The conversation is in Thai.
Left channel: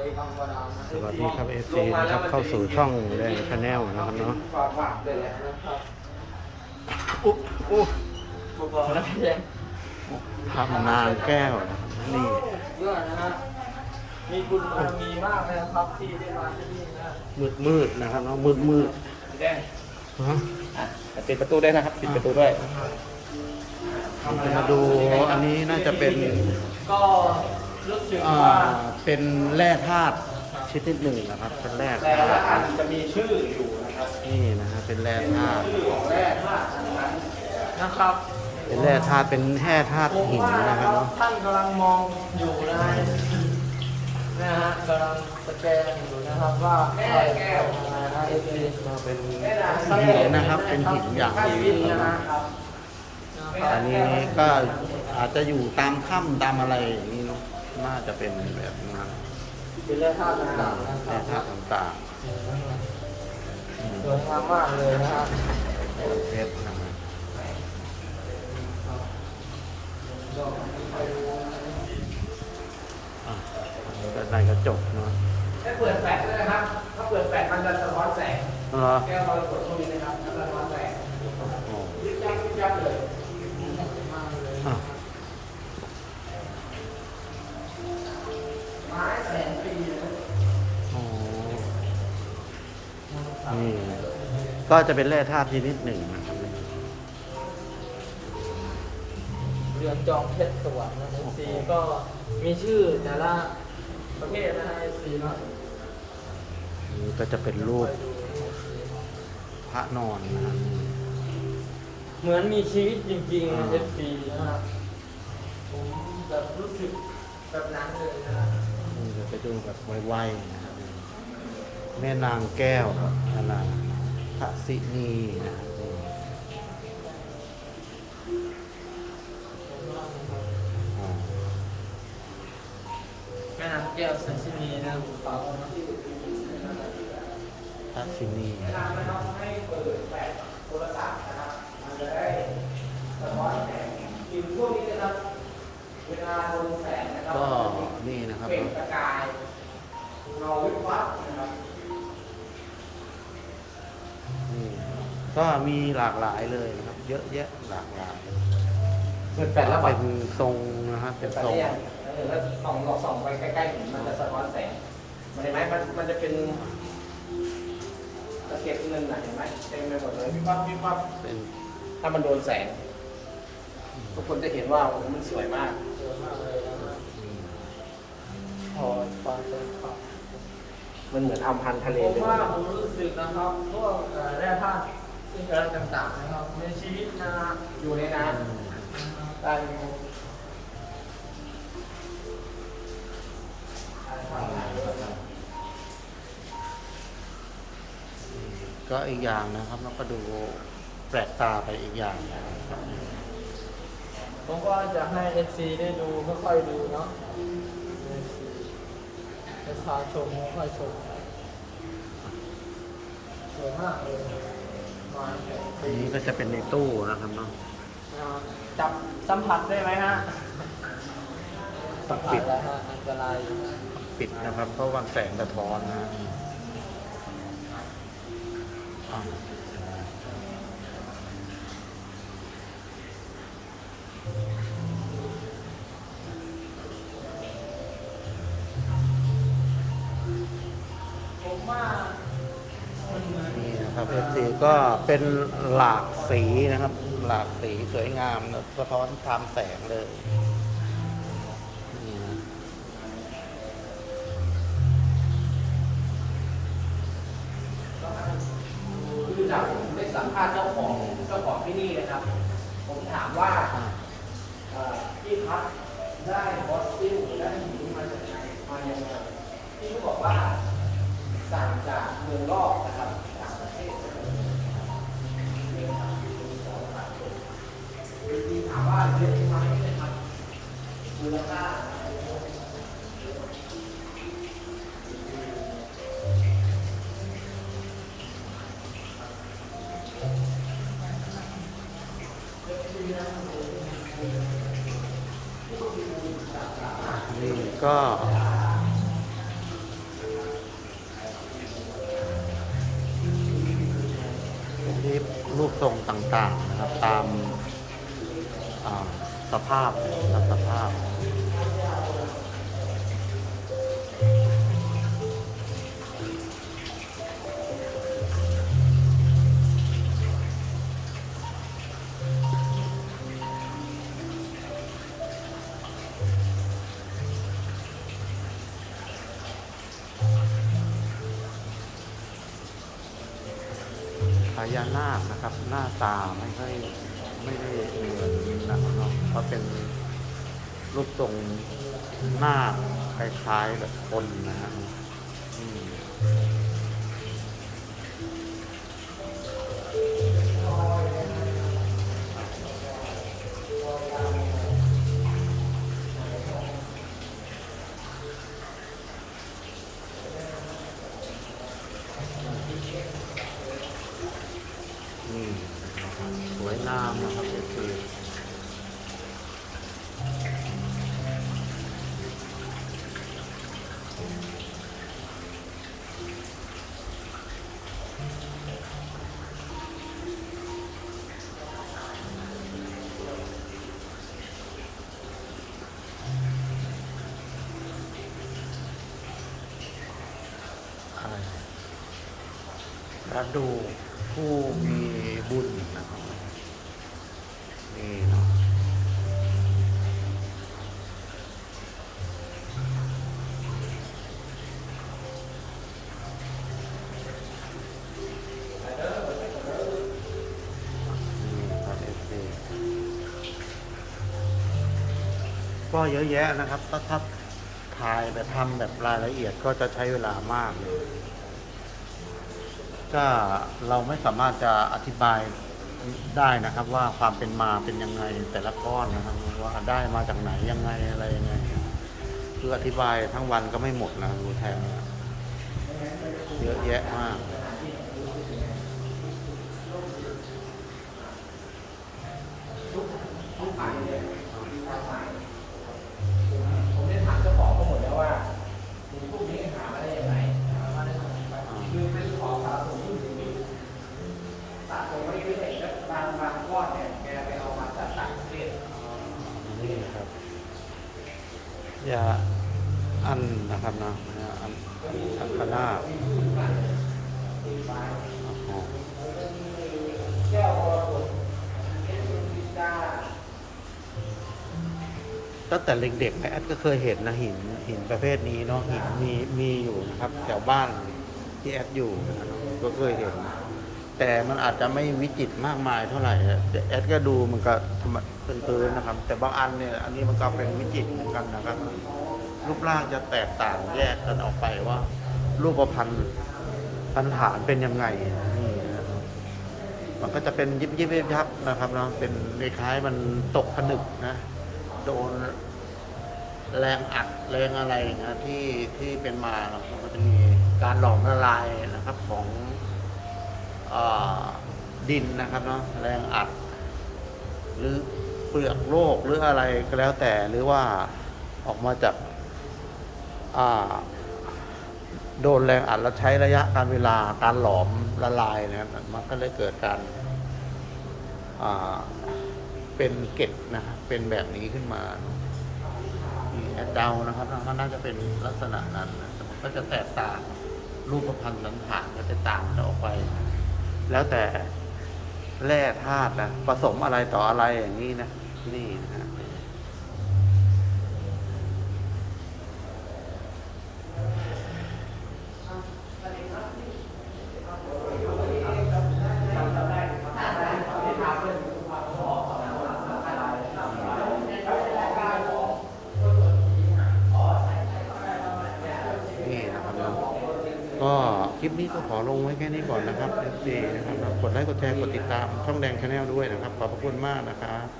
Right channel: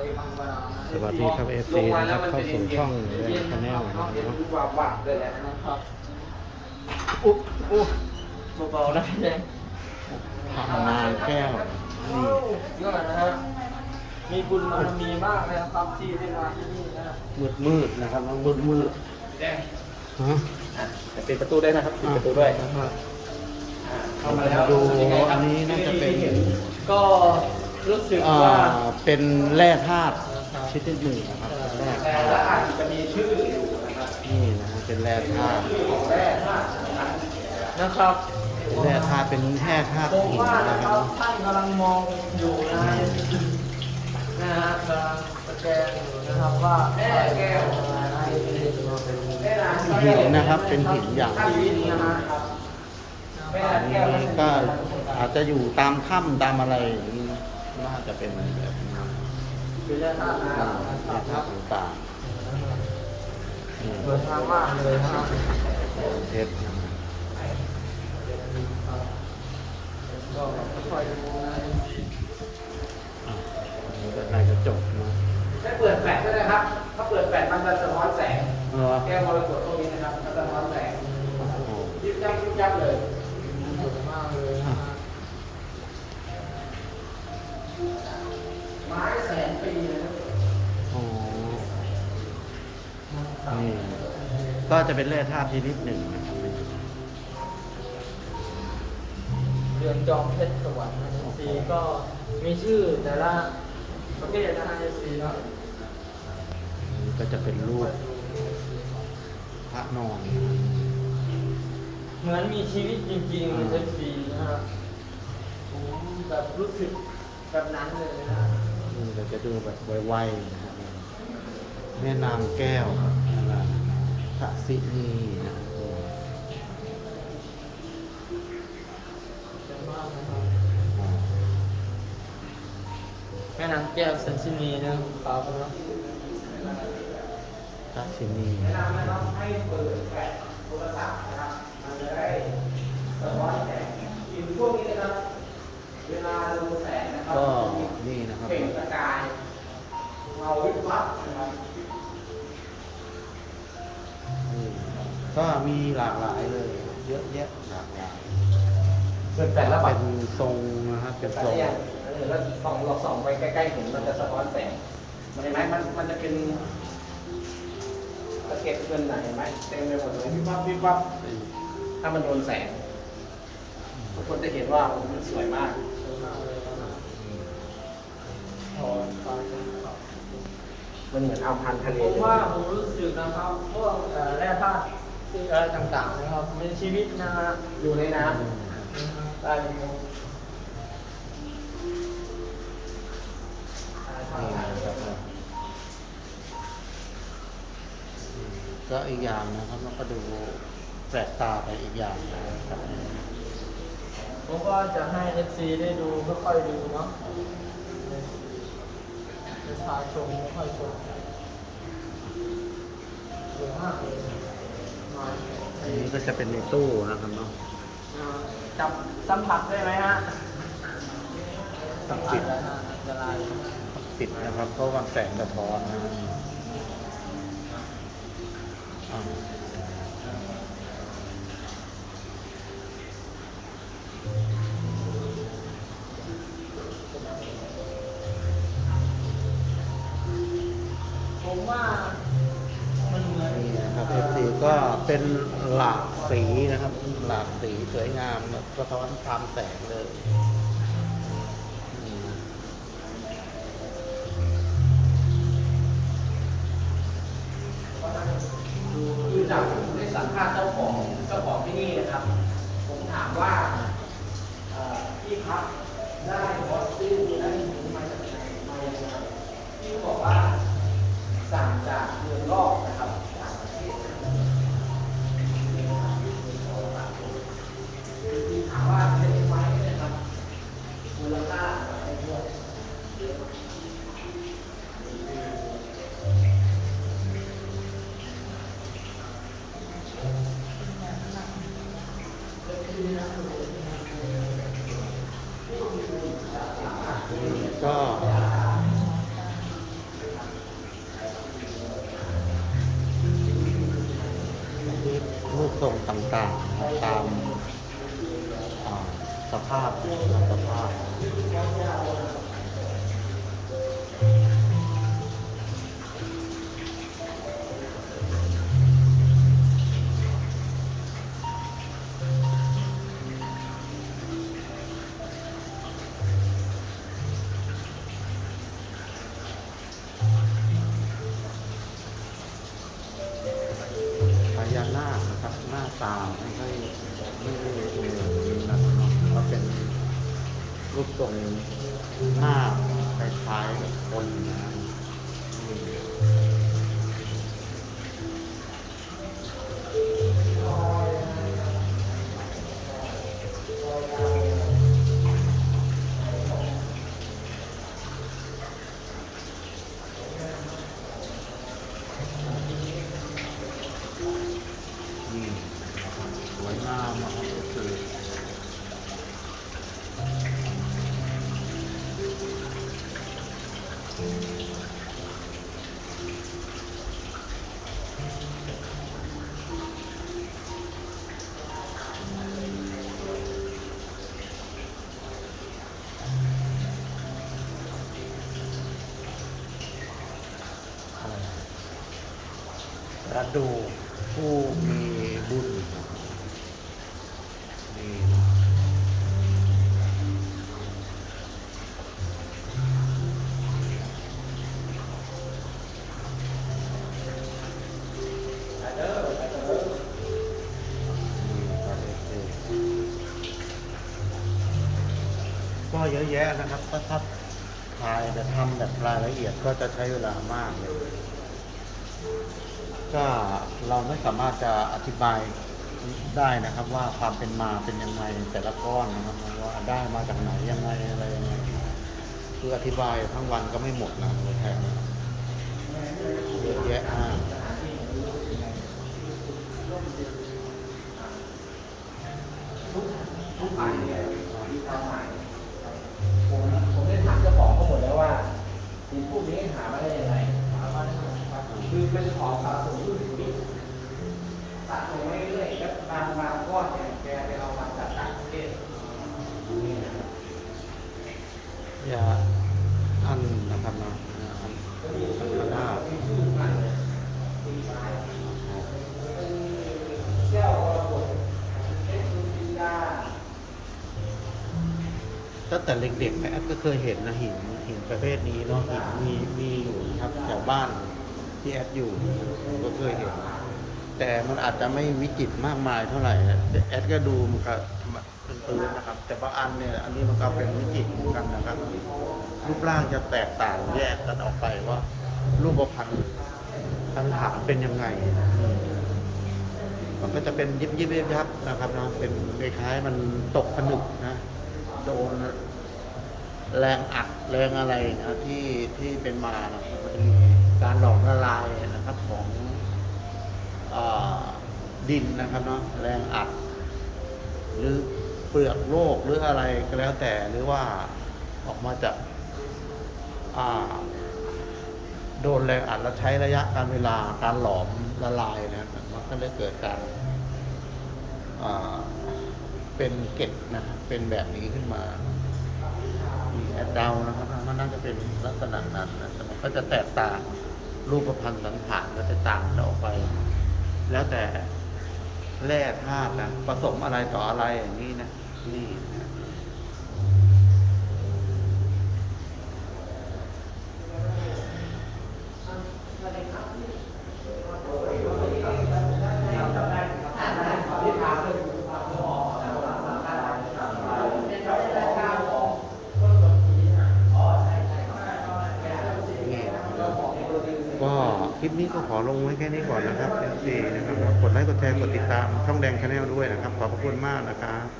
สวัสดีครับ FC นะครับเข้าสู่ช่องแดงชาแนลนะครับเนาะว่าว่าเลยแหละนะครับอุ๊อุ๊เบาๆนะพี่แดงทำนางแก้วนี่เยอะนะฮะมีบุญบารมีมากเลยนะครับที่ได้มาที่นี่นะมืดมืดนะครับเนามืดมืดพี่แดงฮะปิดประตูได้นะครับปิดประตูด้วยเราจะมาดูอันนี้น่าจะเป็นก็ รู้สึกอ่าว่าเป็นแร่ธาตุชนิดหนึ่งนะครับ เป็นแร่ธาตุนะจะมีชื่ออยู่นะครับนี่นะฮะเป็นแร่ธาตุนะครับเป็นแร่ธาตุเป็นแร่ธาตุผมหินว่านะนะคครัรับบเนาะท่านกำลังมองอยู่นะฮะนะฮะกำลังสแกนอยู่นะครับว่าแก้วนะฮะก็เป็นหินนะครับเป็นหินอย่างดีนะครับอันนี้ก็อาจจะอยู่ตามถ้ำตามอะไรอย่างนี้เนอะ น่าจะเป็นแบบนี้เป็นแร่ธาตุนะคอ่ารับแร่ธาตุต่างๆนี่สวยงามมากเลยนะครับเรือนเพชรนะครับก็ค่อยๆดูนะอะอันนี้ก็ในกระจกเนาะได้เปิดแปดด้วยนะครับ ถ้าเปิดแปดมันจะสะท้อนแสง เออแก้วมรกตตรงนี้นะครับ มันจะสะท้อนแสงโอ้โหยิบยับยิบยับเลย ก็จะเป็นแร่ธาตุชนิดหนึ่งนะครับนี่เรือนจอมเพชรสวรรค์นะโอ้โหสีก็มีชื่อแต่ละประเภทนะฮะสีเนาะนี่ก็จะเป็นรูปพระนอนนะครับนี่เหมือนมีชีวิตจริงๆในอ่าเอฟซีนะฮะผมแบบรู้สึกแบบนั้นเลยนะฮะนี่เราจะดูแบบไวๆนะครับนี่แม่นางแก้วครับอันนั้น พระสินีนะครับนี่สวยมากนะครับอ๋อแม่น้ำแก้วเซนซินีนะครับพระสินีให้เปิดแป ก็มีหลากหลายเลยนะครับ เยอะแยะหลากหลายเปิดแปดแล้วเป็นทรงนะครับเป็นทรง เออแล้วส่องเราส่องไปใกล้ๆเห็นมันจะสะท้อนแสง มันเห็นไหมมันมันจะเป็นตะเก็บเงินน่ะเห็นไหมเต็มไปหมดเลยวิบวับวิบวับเป็นถ้ามันโดนแสง ทุกคนจะเห็นว่ามันสวยมากสวยมากเลยนะครับพอความใจขอบ มันเหมือนเอาพันทะเลผมว่าผมรู้สึกนะครับพวกเอ่อแร่ธาตุ สิ่งอะไรต่างๆนะครับ มีชีวิตนะฮะอยู่ในน้ำได้ยังไงนี่นะครับเนาะอืมก็อีกอย่างนะครับเราก็ดูแปลกตาไปอีกอย่างนะครับผมก็จะให้ FC ได้ดูค่อยๆดูเนาะเป็นพาชมค่อยชมสวยมากเลยมา อันนี้ก็จะเป็นในตู้นะครับเนาะจับสัมผัสได้ไหมฮะต้องปิดอันตรายต้องปิดนะครับ เพราะว่าแสงสะท้อนนะนี่อ่า ก็เป็นหลากสีนะครับ หลากสีสวยงามสะท้อนตามแสงเลย ก็ ที่รูปทรงต่างๆนะครับ ตามสภาพตามสภาพ ญานาคนะครับ หน้าตาไม่ค่อยไม่ได้เหมือนนะครับเนาะเพราเป็นรูปทรงหน้าคล้ายๆแบบคนนะครับนี่ ระดูกผู้มีบุญนะครับนี่นะครับเอฟซีก็เยอะแยะนะครับถ้าถ้าถ่ายแบบทำแบบรายละเอียดก็จะใช้เวลามากเลย ก็เราไม่สามารถจะอธิบายได้นะครับ ว่าความเป็นมาเป็นยังไงแต่ละก้อนนะครับว่าได้มาจากไหนยังไงอะไรยังไงนะคืออธิบายทั้งวันก็ไม่หมดนะรู้แทนเยอะแยะมากผมผมได้ถามเจ้าของเขาหมดแล้วว่าพวกนี้หามาได้ยังไงคือเป็นของสะสมรุ่นอยู่นี่สะสมเรื่อยๆแล้วบางบางก้อนเนี่ยแกไปเอามาจากต่างประเทศ นี่นะครับยาอั นนะครับนะอ่าอันอันอันพนาคนะครับแก้ววรกตแก้วพิญญาตั้งแต่เด็กๆแอดก็เคยเห็นนะหินหินประเภทนี้เนาะหินมีมีอยู่นะครับ แถวบ้านที่แอดอยู่ก็เคยเห็น แต่มันอาจจะไม่วิจิตรมากมายเท่าไหร่นะแต่แอดก็ดูมันก็เป็นพื้นๆนะครับ แต่บางอันเนี่ยอันนี้มันก็เป็นวิจิตรเหมือนกันนะครับ รูปร่างจะแตกต่างแยกกันออกไปว่า รูปพันธ์พันฐาเป็นยังไงนี่มันก็จะเป็นยิบยิบยิบยับนะครับนะเป็นคล้ายมันตกผนึกนะ โดนแรงอัดแรงอะไรนะที่ที่เป็นมาเนอะมันก็จะมีการหลอมละลายนะครับของ ดินนะครับเนาะแรงอัด หรือเปลือกโลกหรืออะไรก็แล้วแต่หรือว่าออกมาจากาโดนแรงอัดแล้วใช้ระยะการเวลาการหลอมละลายนะครับมันก็เลยเกิดการเป็นเกล็ดนะครับเป็นแบบนี้ขึ้นมามีแอดดาวนะครับมันน่าจะเป็นลักษณะนั้นนะแต่มันก็จะแตกต่างรูปพันธ์สันฐานก็จะต่างกันออกไป แล้วแต่แร่ธาตุนะผสมอะไรต่ออะไรอย่างนี้นะนี่นะ นี่นะครับเนาะก็ คลิปนี้ก็ขอลงไว้แค่นี้ก่อนนะครับ FC นะครับกดไลค์กดแชร์กดติดตามช่องแดงชาแนลด้วยนะครับ ขอบพระคุณมากนะครับ